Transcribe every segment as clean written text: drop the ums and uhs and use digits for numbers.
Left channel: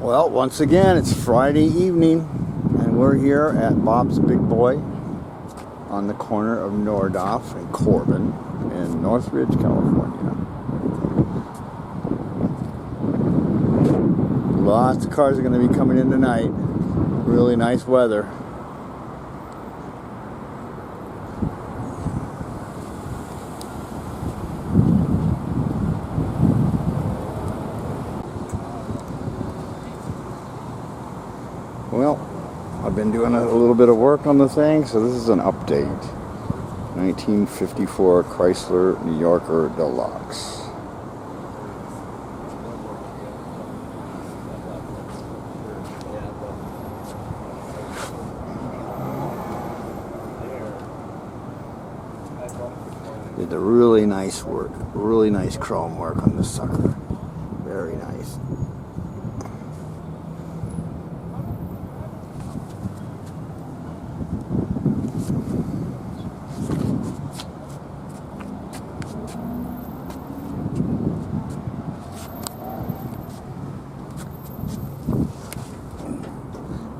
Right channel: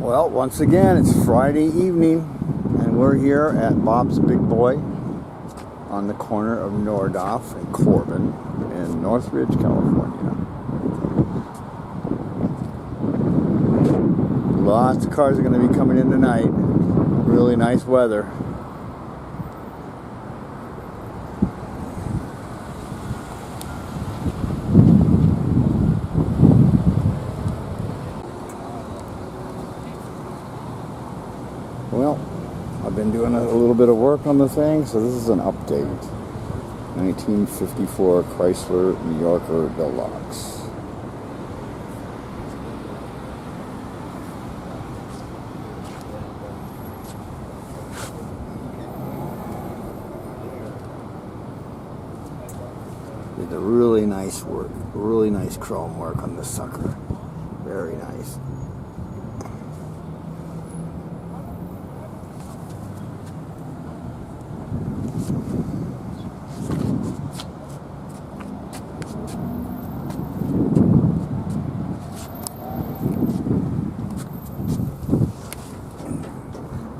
Well, once again, it's Friday evening, and we're here at Bob's Big Boy on the corner of Nordhoff and Corbin in Northridge, California. Lots of cars are going to be coming in tonight. Really nice weather. Well, I've been doing a little bit of work on the thing, so this is an update. 1954 Chrysler New Yorker Deluxe. Did a really nice work, really nice chrome work on this sucker. Very nice.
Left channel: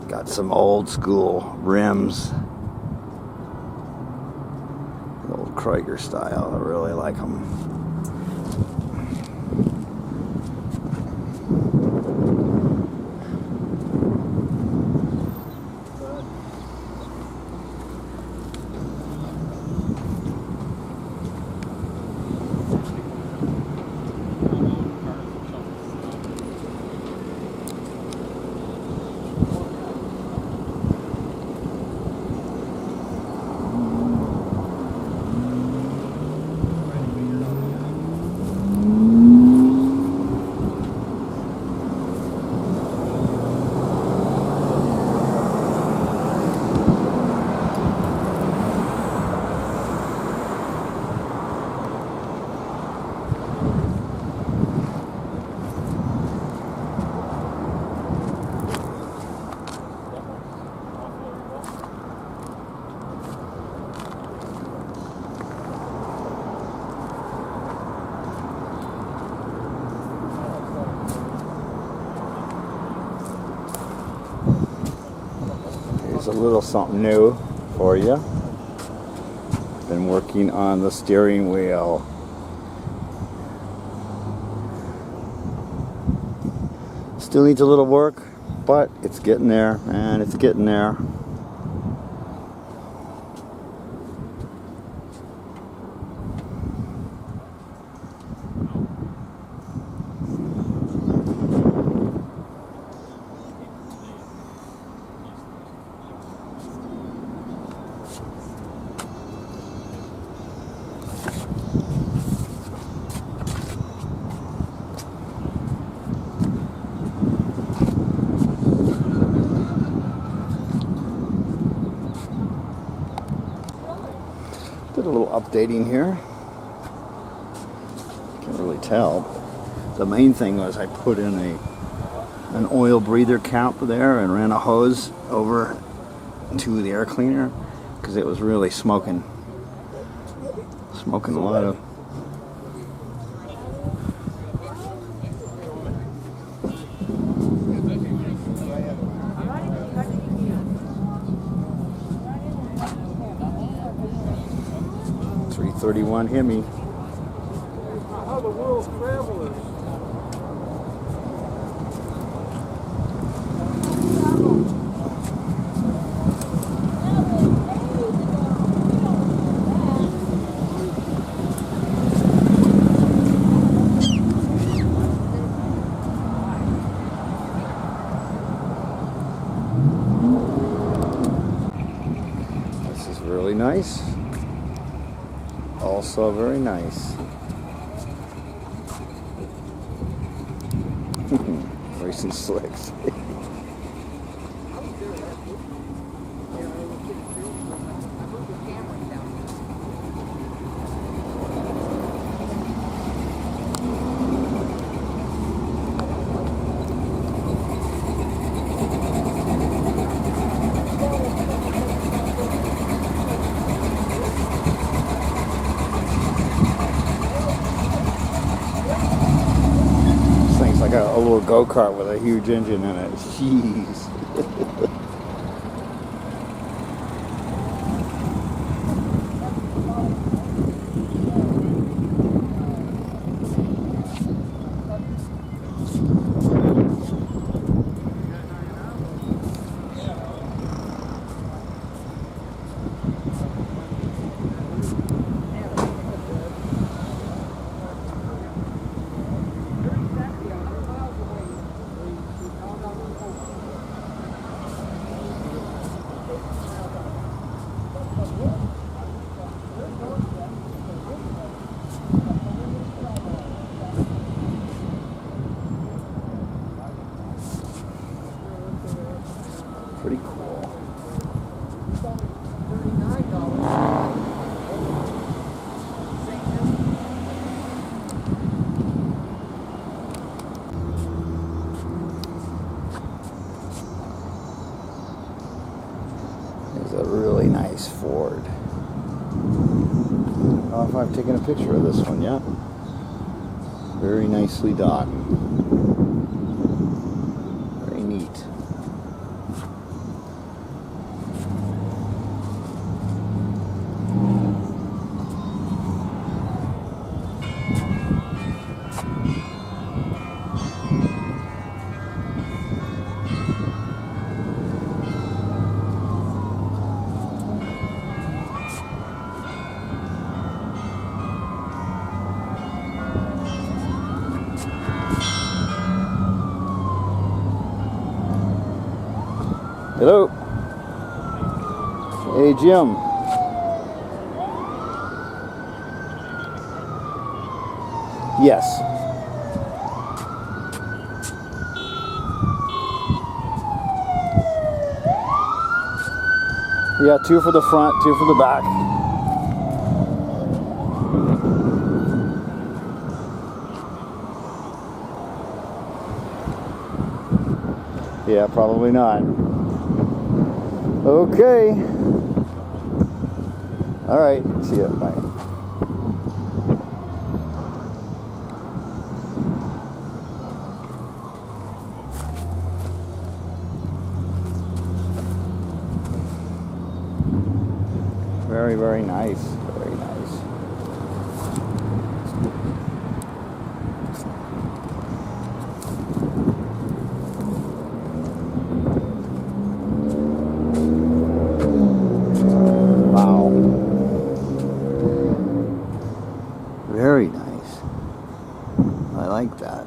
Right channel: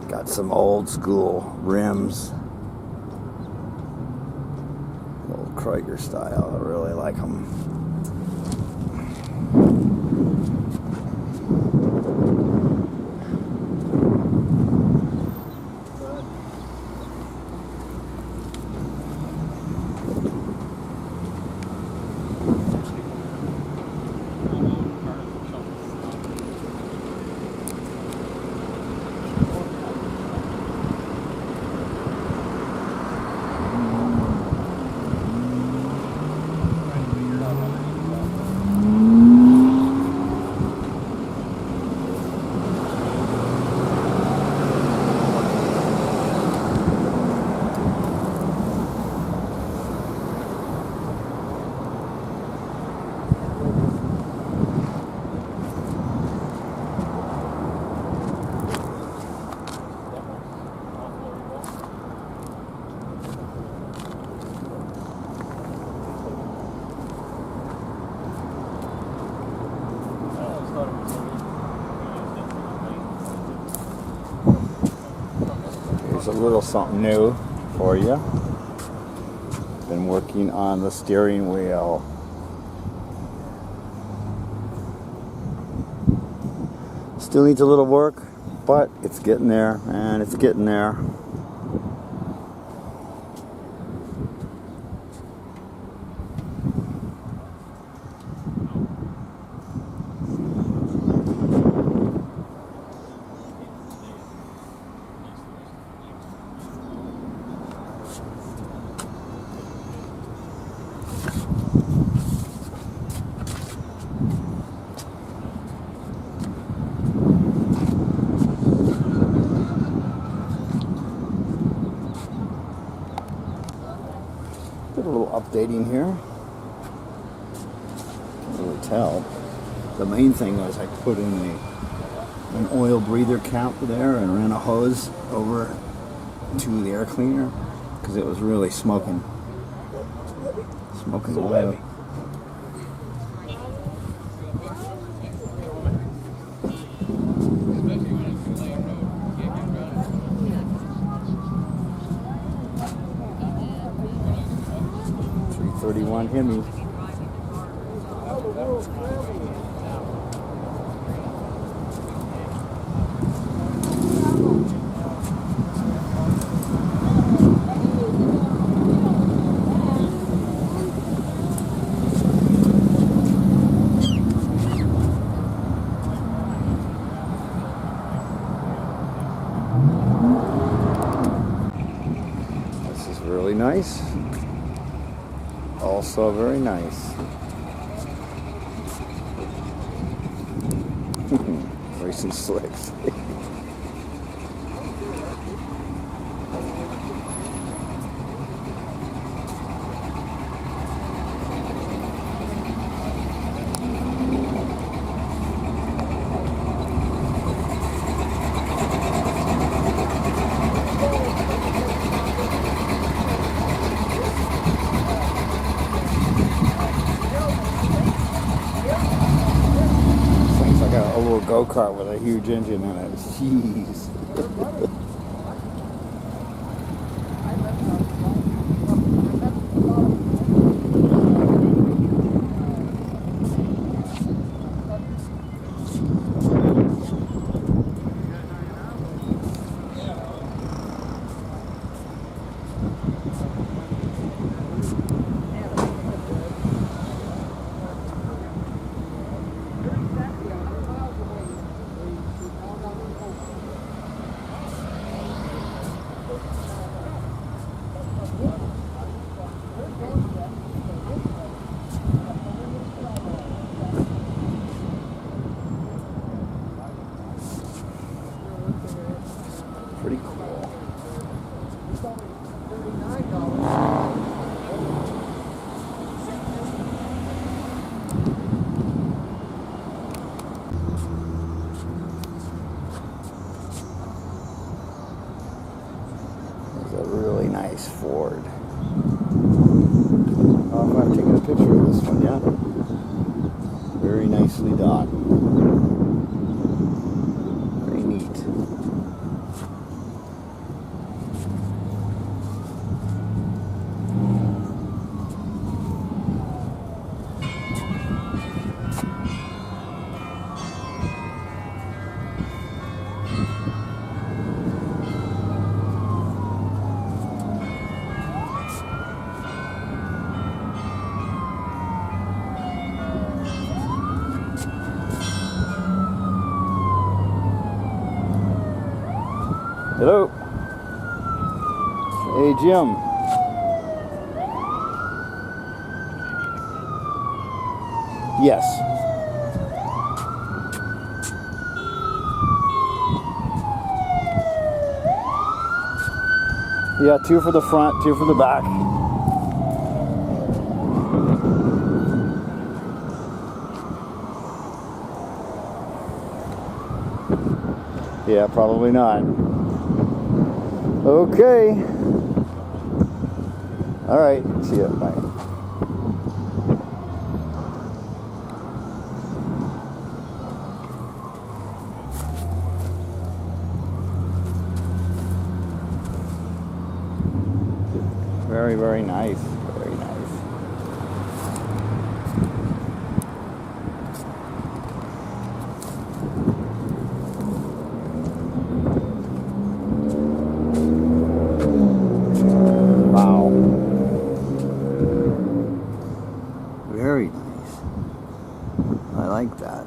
Got some old school rims, the old Krieger style. I really like them. Here's a little something new for you. Been working on the steering wheel. Still needs a little work, but it's getting there, and it's getting there. Did a little updating here. Can't really tell. The main thing was I put in an oil breather cap there and ran a hose over to the air cleaner because it was really smoking oil. c.i.Hemi. This is really nice. Also very nice. Racing slicks. a little little go-kart with a huge engine in it. Jeez. Pretty cool. There's a really nice Ford. I don't know if I've taken a picture of this one yet. Very nicely done. Very neat. Hello. Hey, Jim. Yes. Yeah, 2 for the front, 2 for the back. Yeah, probably not. Okay. All right. See ya. Bye. Very, very nice. Very nice. Very nice. I like that.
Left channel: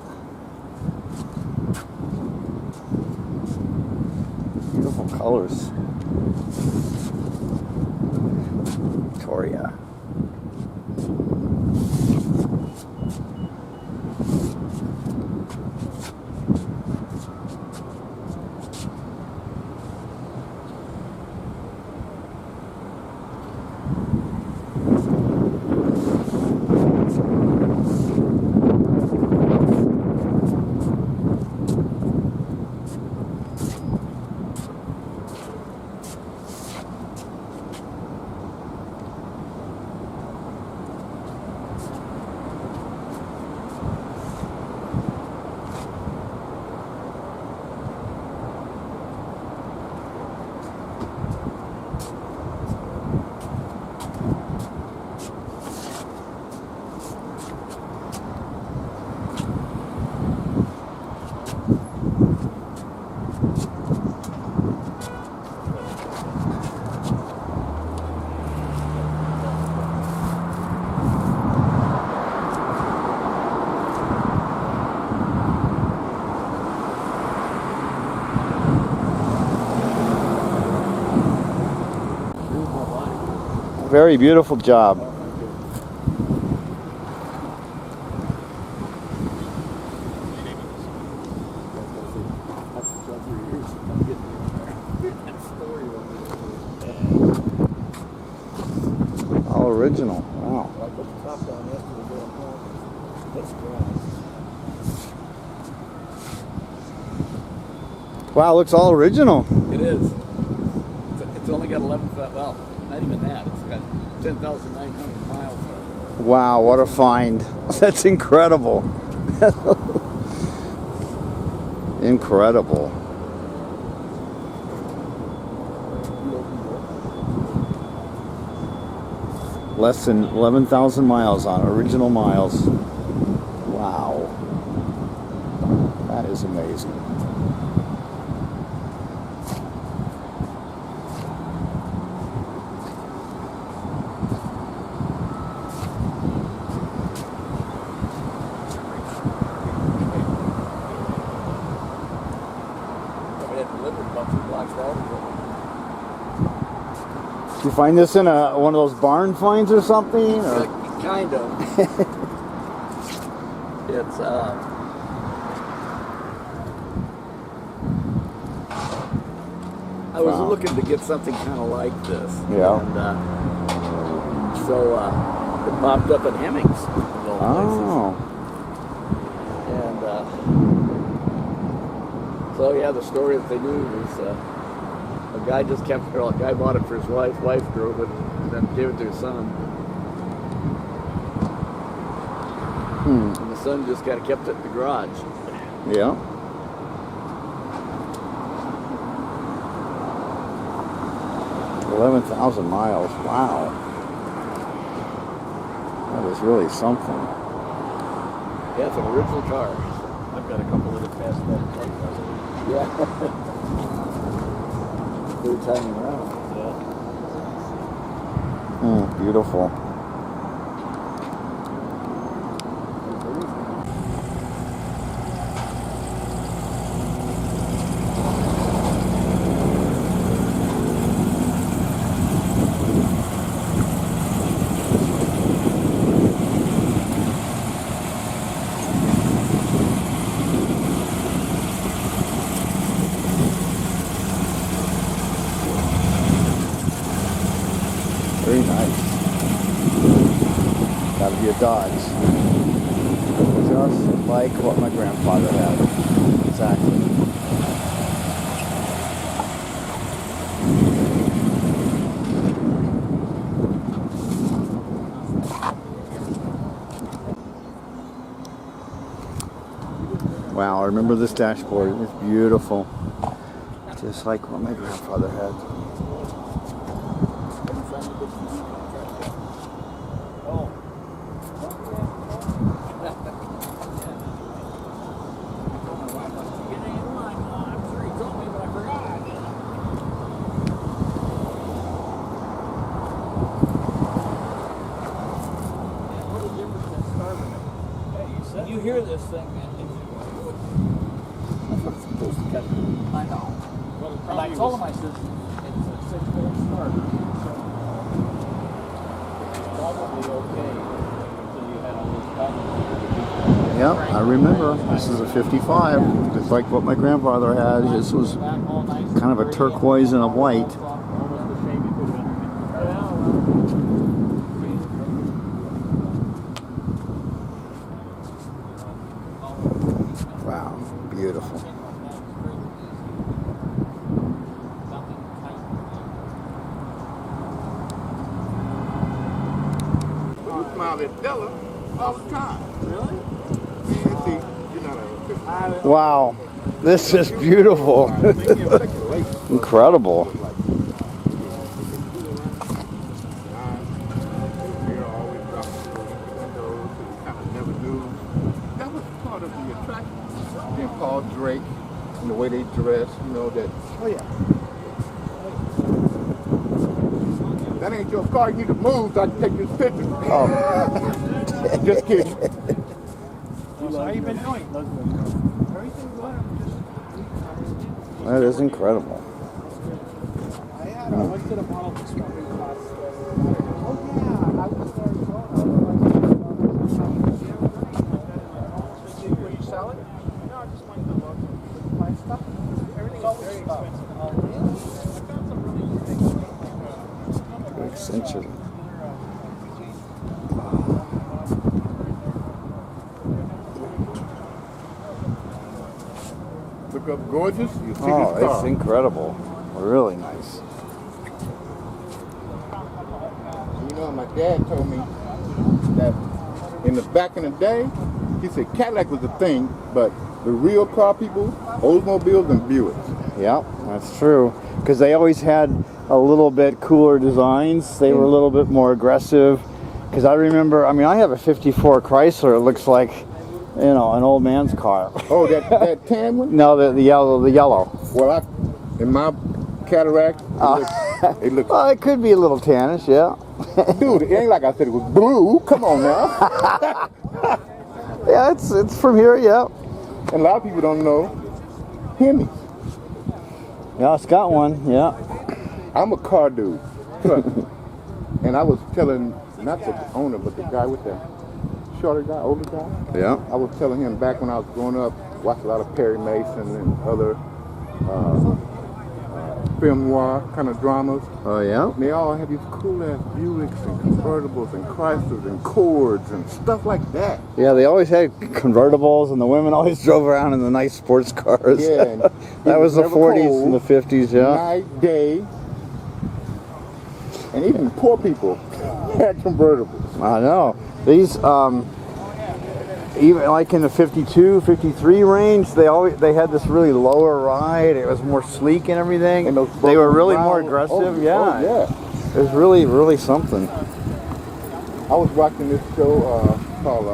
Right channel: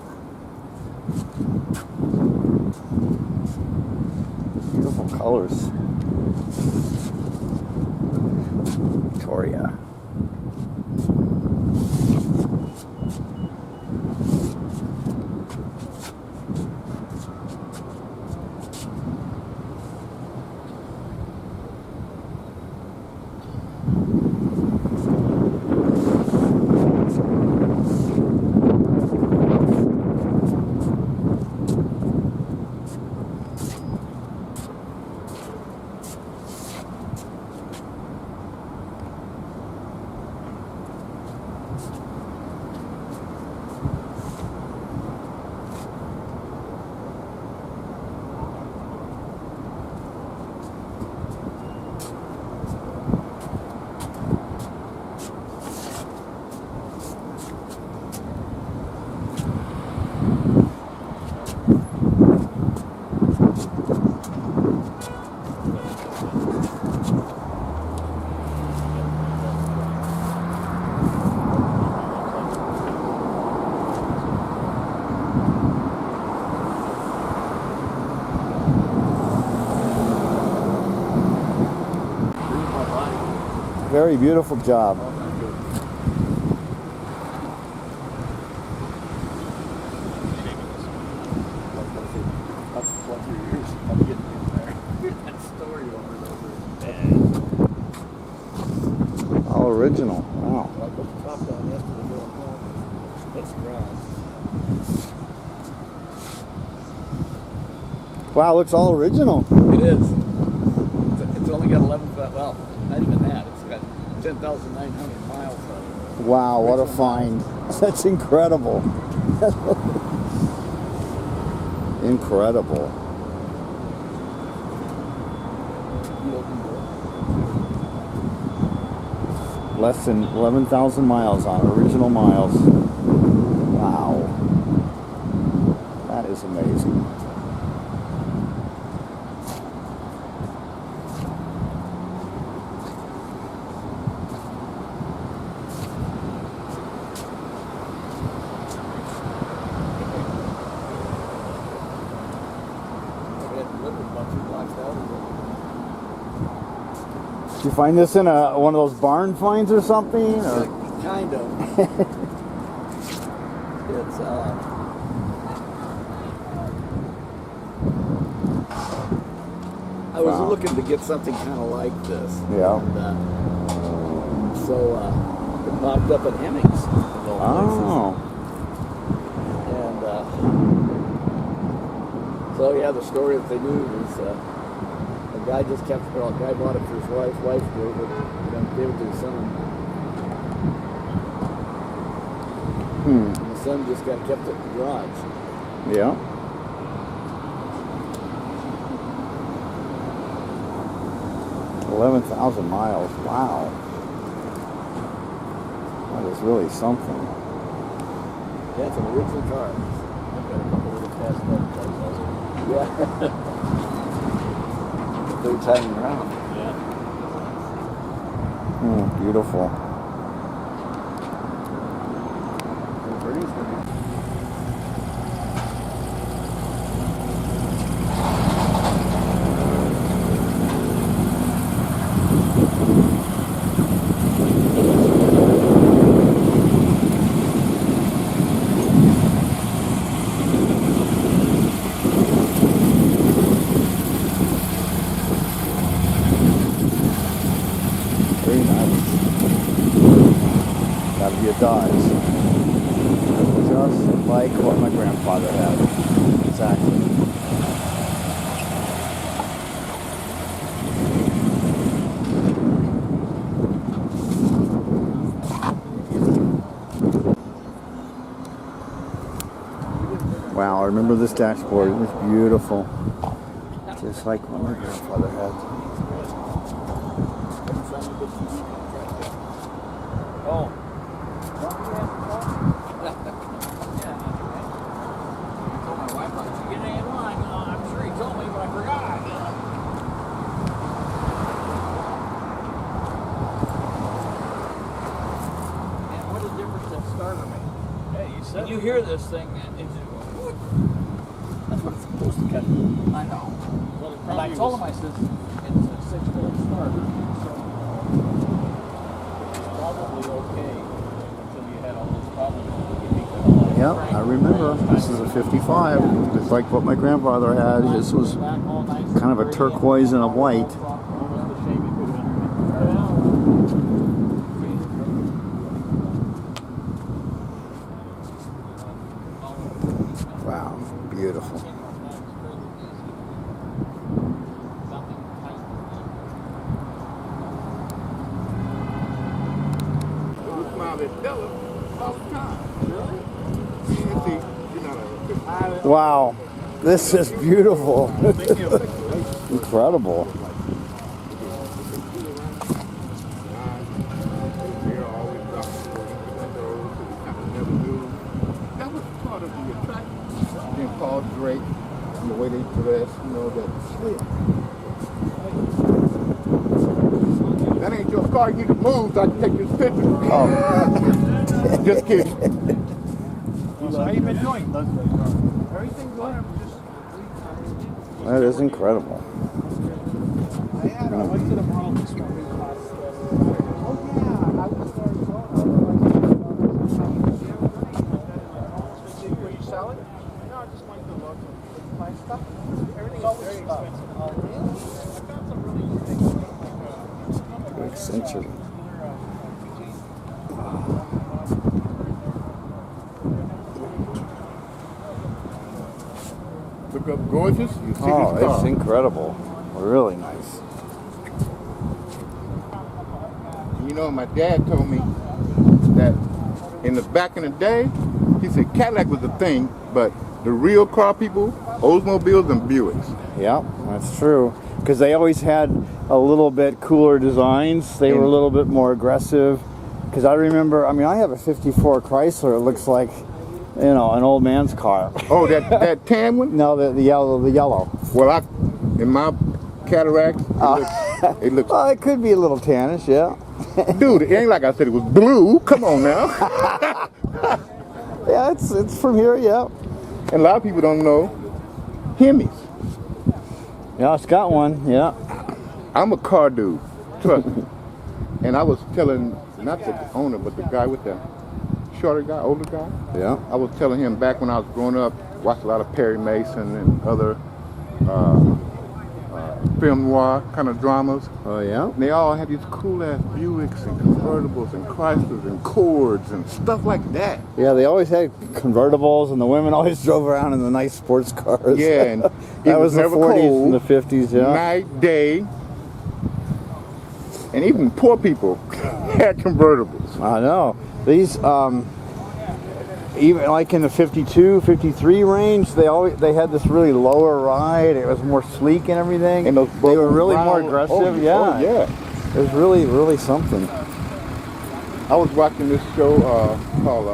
Beautiful colors. Victoria. Very beautiful job. All original. Wow. Wow, looks all original. It is. It's only got 11, well, not even that. It's got 10,900 miles on it. Wow, what a find. That's incredible. Incredible. Less than 11,000 miles on original miles. Wow. That is amazing. Did you find this in one of those barn finds or something? Or? Kind of. It's I was looking to get something kind of like this. Yeah. And so it popped up at Hemmings. Oh. And so yeah, the story that they knew was a guy just kept it. A guy bought it for his wife. Wife drove it, and then gave it to his son. And the son just kind of kept it in the garage. Yeah. $11,000 miles. Wow. That is really something. Yeah, it's an original car. I've got a couple of the fast cars. Yeah. Third time around. Yeah. Beautiful. Very nice. Gotta be a Dodge. Just like what my grandfather had. Exactly. Wow, I remember this dashboard. It was beautiful. Just like what my grandfather had. Oh. I'm sure he told me, but I forgot. What a difference that starter makes. Hey, you said you hear this thing, and That's what it's supposed to catch. I know. Well, and I told him, I said, it's a 6-volt starter, so it's probably okay until you had all those problems. Yep, I remember. This is a 55, just like what my grandfather had. His was kind of a turquoise and a white. Wow, beautiful. Smile at Della all the time. Really? Wow, this is beautiful. Incredible. That was part of the attraction. Then Paul Drake and the way they dress, you know, that that ain't your car, you need to move so I can take this picture. Oh. Just kidding. So how you been doing? Everything good. That is incredible. I went to the model discovery class. Oh yeah, I was there as well. Were you selling? No, I just wanted to look. My stuff. Everything is very expensive. Oh really? I found some really good things. Buick Century. Look up gorgeous, you see Oh, this car. it's incredible. Really nice. You know, my dad told me that back in the day, he said Cadillac was a thing, but the real car people, Oldsmobiles and Buicks. Yeah, that's true. Because they always had a little bit cooler designs. They were a little bit more aggressive. Because I remember, I mean, I have a 54 Chrysler. It looks like, you know, an old man's car. Oh, that tan one? No, the yellow. Well, in my Cadillac, it looks Well, it could be a little tannish, yeah. dude, it ain't like I said it was blue. Come on now. Yeah, it's from here, yeah. And a lot of people don't know Hemis. Yeah, it's got one, yeah. I'm a car dude, trust me. And I was telling, not the owner, but the guy with the shorter guy, older guy. Yeah. I was telling him back when I was growing up, watched a lot of Perry Mason and other film noir kind of dramas. Oh, yeah? And they all had these cool ass Buicks and convertibles and Chryslers and Cords and stuff like that. Yeah, they always had convertibles, and the women always drove around in the nice sports cars. Yeah, and that was the never 40s cold, and the 50s, yeah. Night, day. And even poor people had convertibles. I know. These, even like in the 52, 53 range, they had this really lower ride. It was more sleek and everything. And those they were really more brown- aggressive. oh, yeah. oh, yeah. It was really, really something. I was watching this show called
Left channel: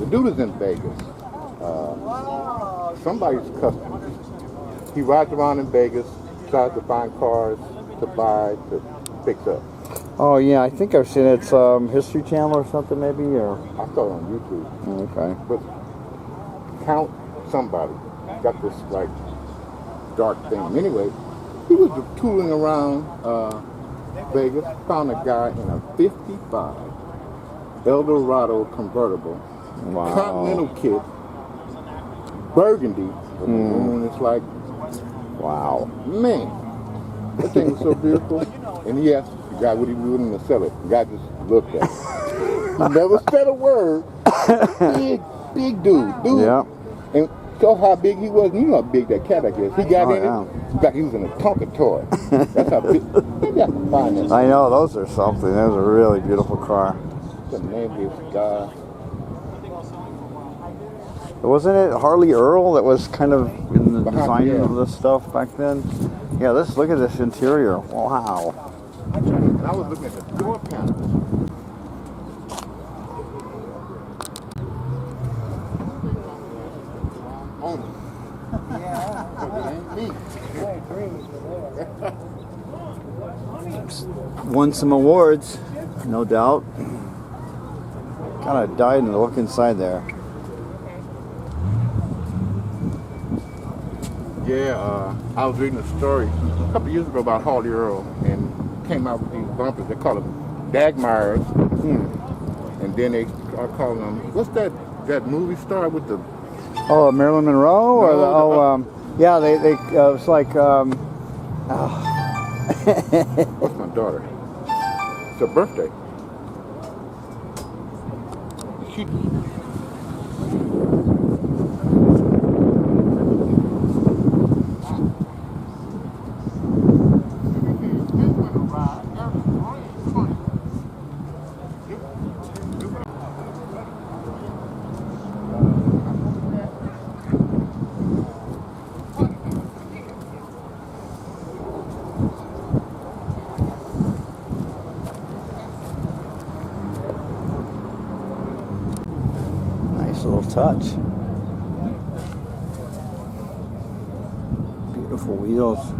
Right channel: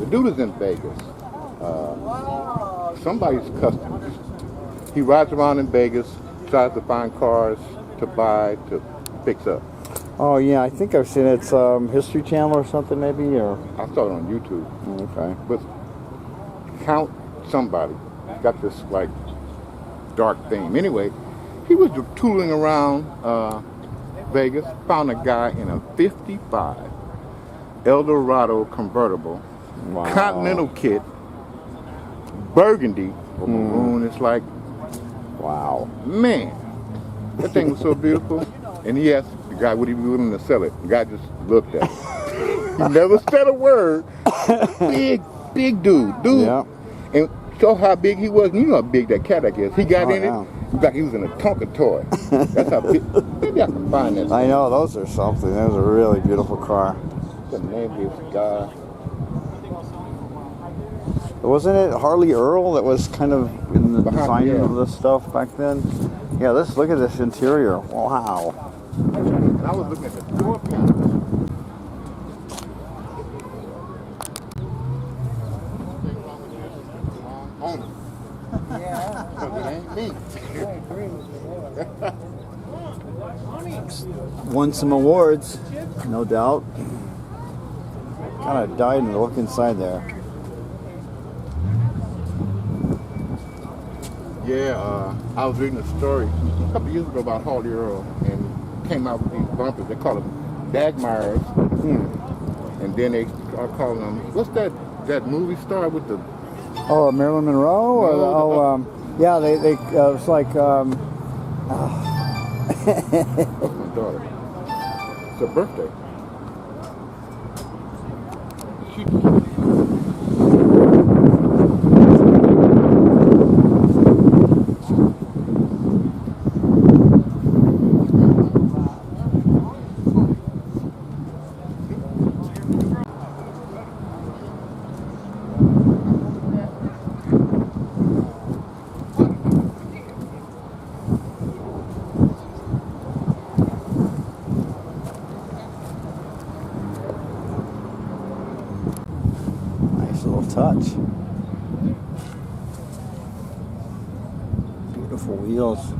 the dude is in Vegas. Somebody's customer. He rides around in Vegas, tries to find cars to buy, to fix up. Oh yeah, I think I've seen it. It's History Channel or something maybe, or I saw it on YouTube. okay. But Count somebody got this like dark theme. Anyway, he was tooling around Vegas, found a guy in a 55 Eldorado convertible, Wow. Continental kit, burgundy, maroon. It's like, Wow. man, that thing was so beautiful. And he asked the guy would he be willing to sell it. The guy just looked at it. He never said a word. Big dude. Yeah. And so how big he was, you know how big that Cadillac is. He got in yeah. it, in fact, he was in a Tonka toy. That's how big. Maybe I can find that. I know, those are something. Those are a really beautiful car. The name of this guy. Wasn't it Harley Earl that was kind of in the Behind, design yeah. of this stuff back then? Yeah, look at this interior. Wow. And I was looking at the door panels. Yeah. Because it ain't me. Won some awards, no doubt. Kind of died in the look inside there. Yeah, I was reading a story a couple years ago about Harley Earl and came out with these bumpers. They call them Dagmars. And then they are calling them, what's that movie star with the... Oh, Marilyn Monroe? Or No, yeah, they it's like, What's my daughter? It's her birthday. She... nice little touch. Beautiful wheels.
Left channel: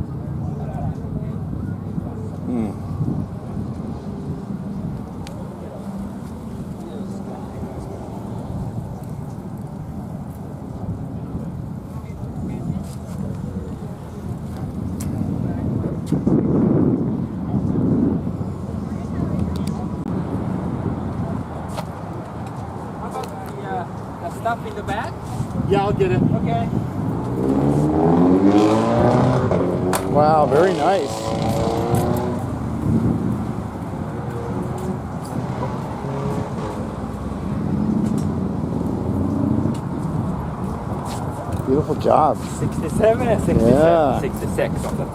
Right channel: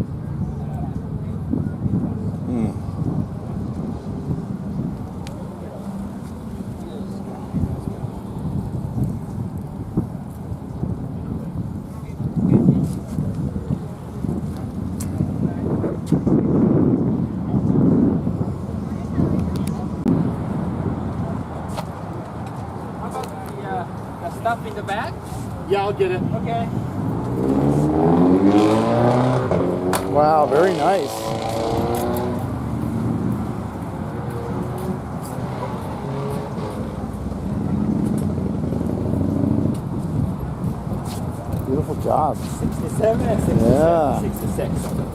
How about the stuff in the back? Yeah, I'll get it. Okay. Wow, very nice. Beautiful job. 67 and 67. Yeah. 66 of them.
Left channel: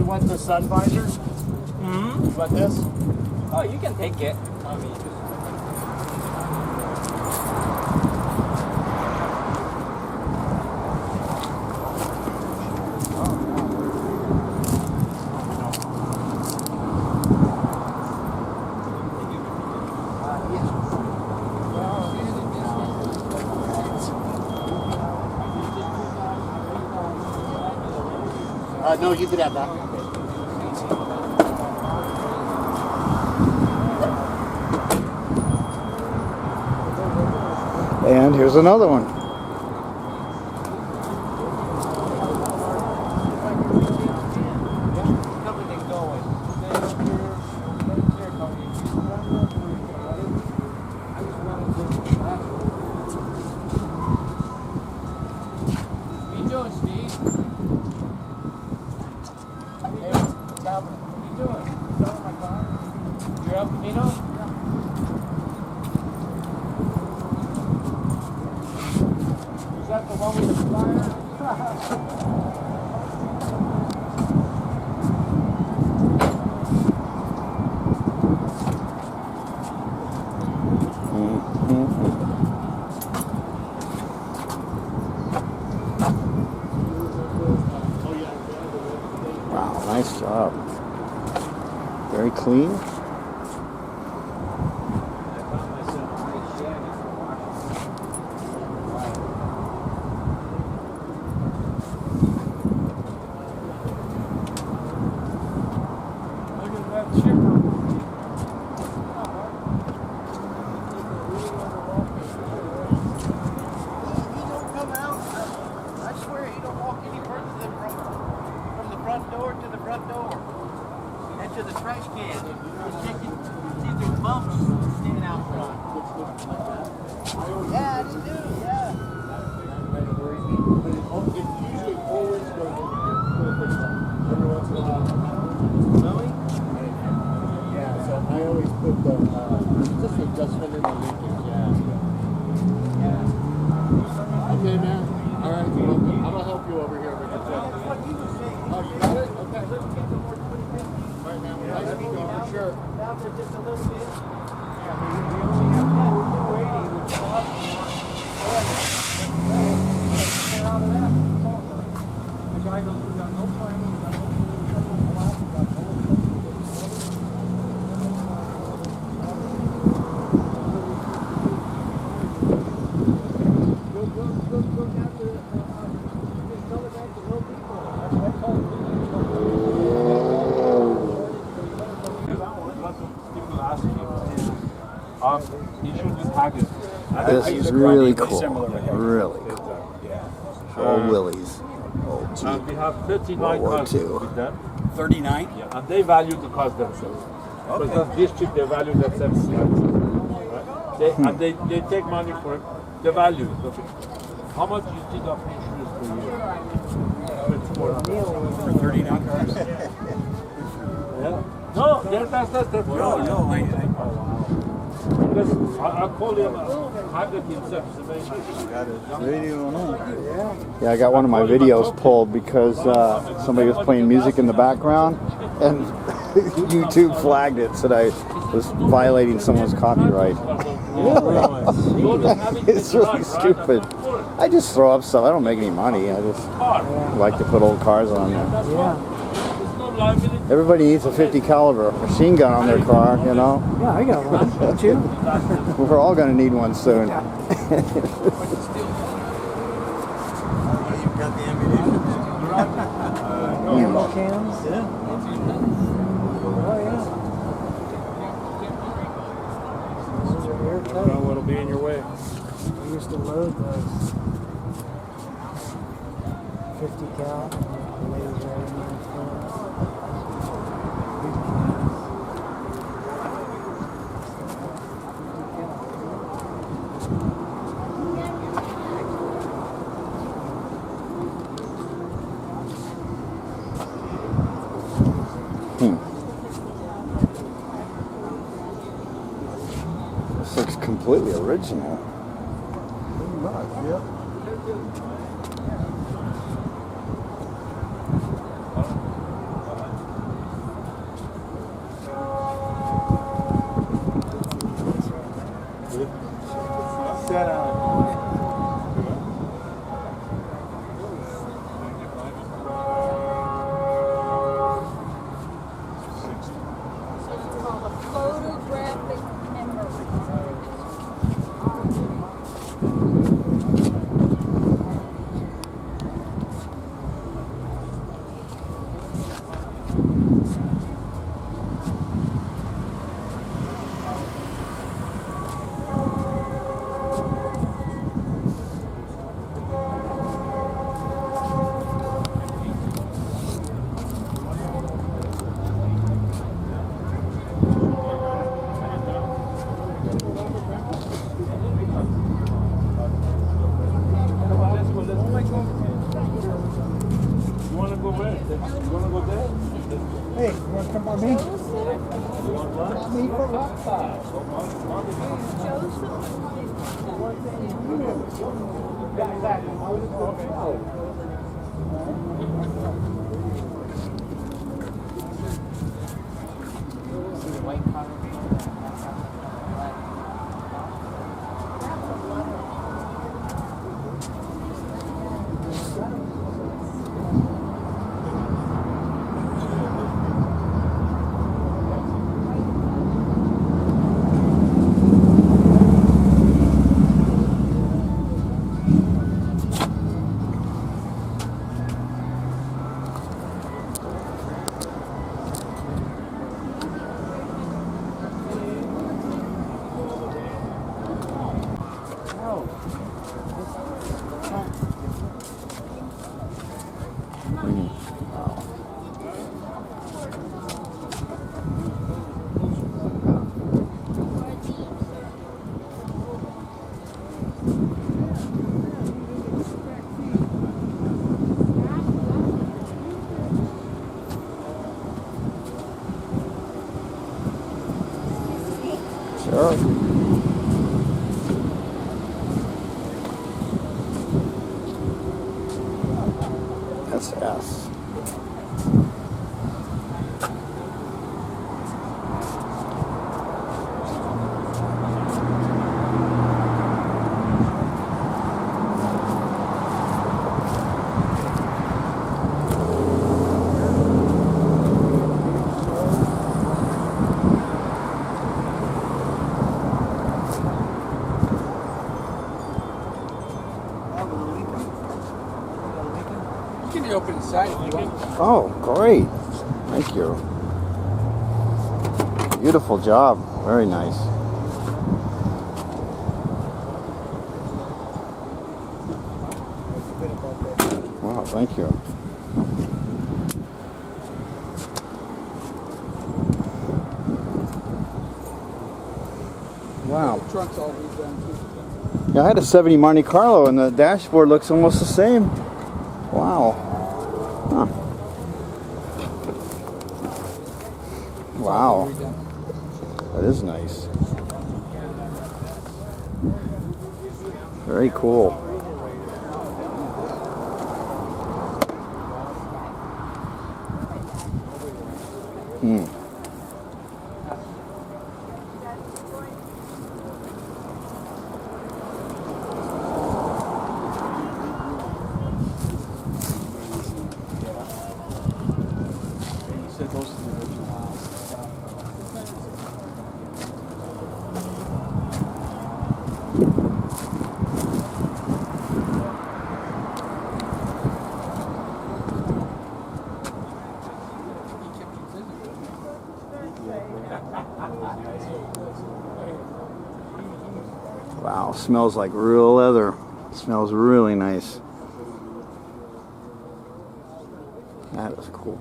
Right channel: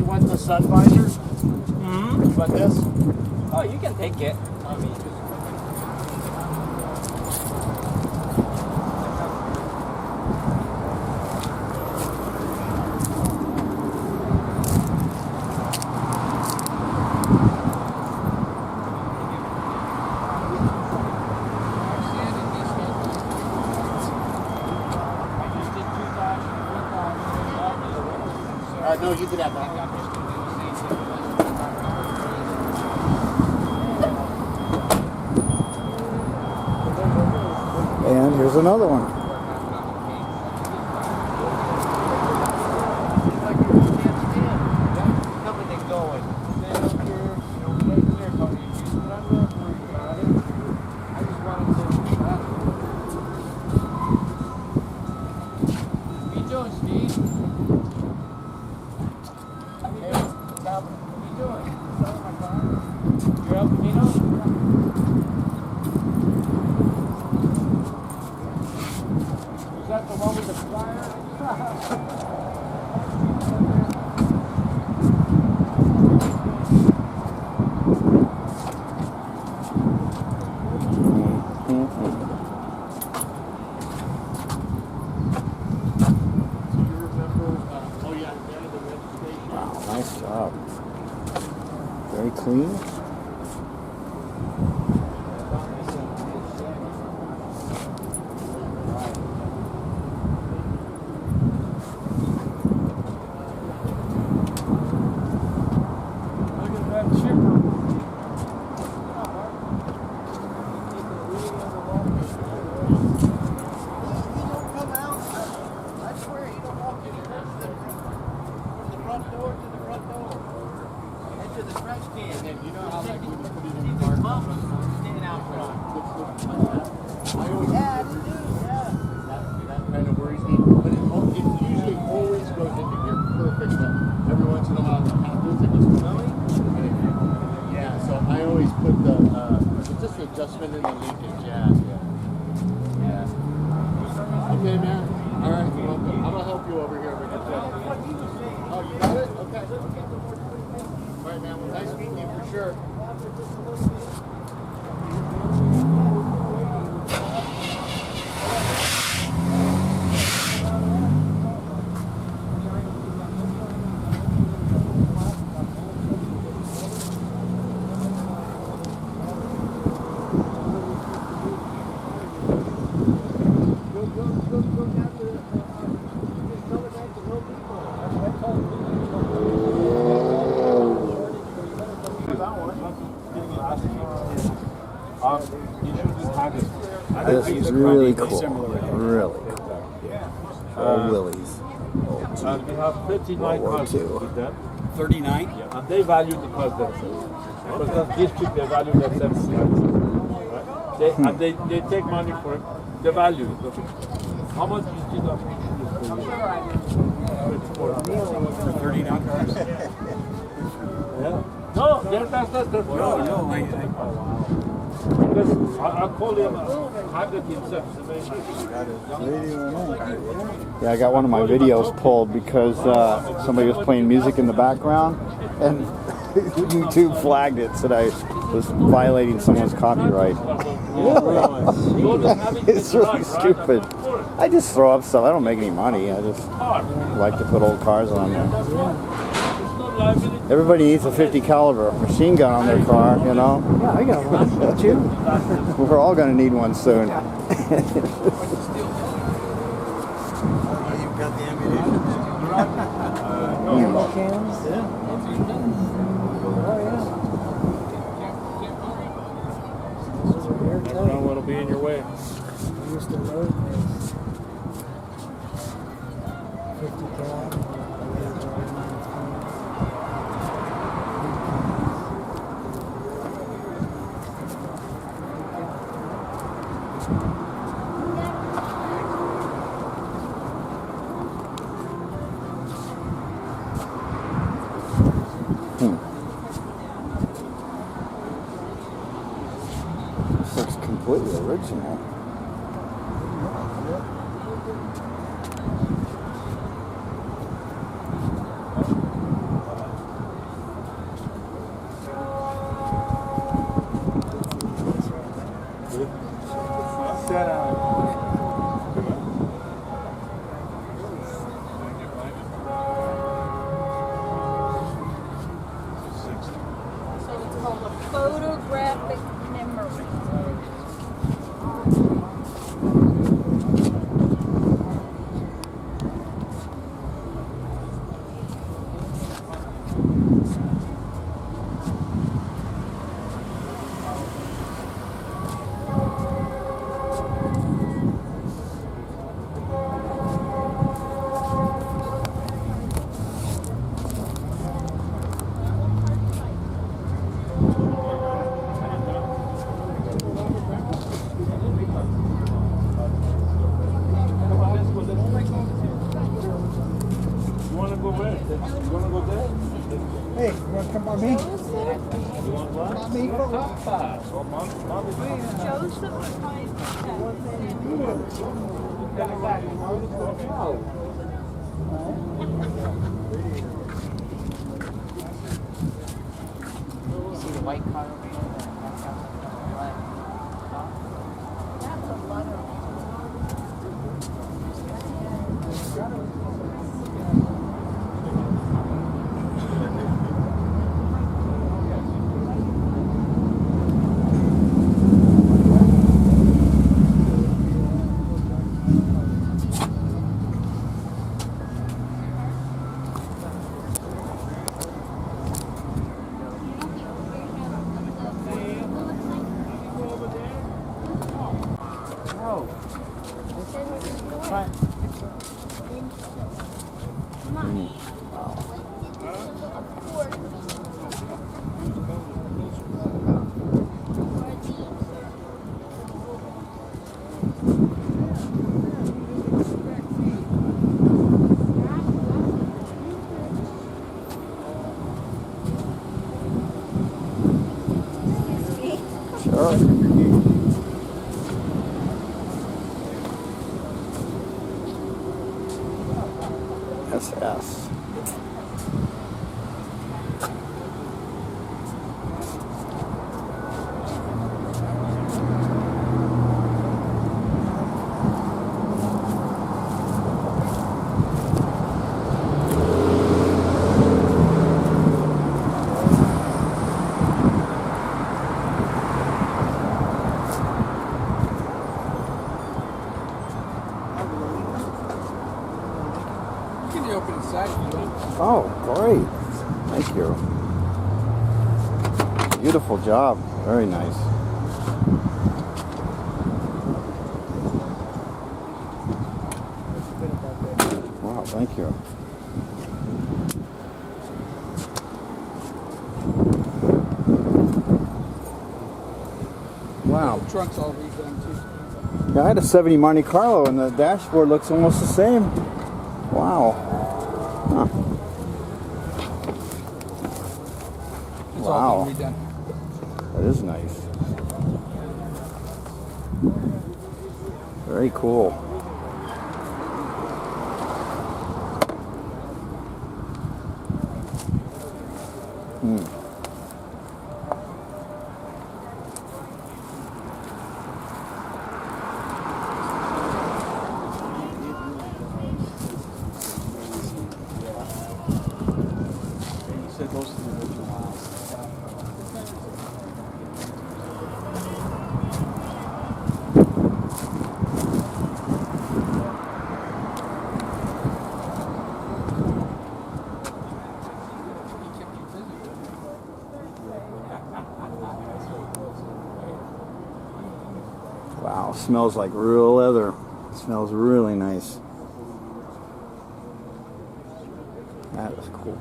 You want the sun visor? Mm-hmm. You want this? Oh, you can take it. I mean, no, you could have that. And here's another one. What you doing, Steve? What you doing? Selling my car? You're El Caminos? Is that the one with the flyer? Wow, nice job. Very clean. Look at that chipper. He don't come out. I swear he don't walk any further than from the front door to the front door and to the trash can. And you know, see there's bumps standing out front. Yeah, I do. Yeah. That's kind of where he's eating. But it usually always goes into gear perfect. Every once in a while, it happens. It just really. Yeah. So I always put the just adjustment in the linkage. Yeah. Yeah. Okay, man. All right. You're welcome. I'm gonna help you over here. Oh, you got it? Okay. All right, man. Well, nice meeting you for sure. You should just hug it. This is really cool. Really cool. All Willys. And we have 39 World War cars II. with them. 39? Yeah, and they value the cars themselves. Because that district, they value themselves slightly. Right? They take money for it. They value it. Okay. How much do you think of insurance per year? For 39 cars? Yeah. No, that's the problem. No, Because I call him Haggard himself. He's a very nice guy. Yeah, I got one of my videos pulled because somebody was playing music in the background, and YouTube flagged it, said I was violating someone's copyright. It's really stupid. I just throw up stuff. I don't make any money. I just like to put old cars on there. Everybody needs a 50 caliber machine gun on their car, you know. Yeah, I got one. Don't you? We're all going to need one soon. You've got the ammunition. Ammo cans? Yeah. Oh, yeah. Those are airtight. What'll be in your way? We used to load those 50 cal. And the laser right in the front. Big cans. This looks completely original. You want to go where? You want to go there? Hey, you want to come on me? You want what? Me for what? See the white car over there? That's how Sure. SS. You can open inside if you want. Oh, great. Thank you. Beautiful job. Very nice. Wow, thank you. Wow. The trunk's all redone too. Yeah, I had a 70 Monte Carlo and the dashboard looks almost the same. Wow. Huh. It's Wow. all been redone. That is nice. Very cool. Hmm. You said those are the original house. Wow, smells like real leather. Smells really nice. That is cool.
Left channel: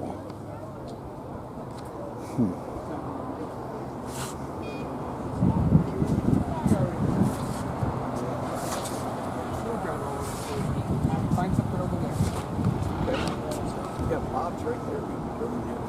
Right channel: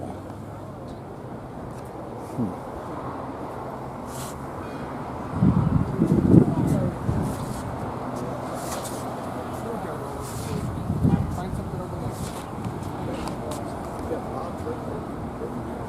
Find something over there. Yeah, Bob's right there.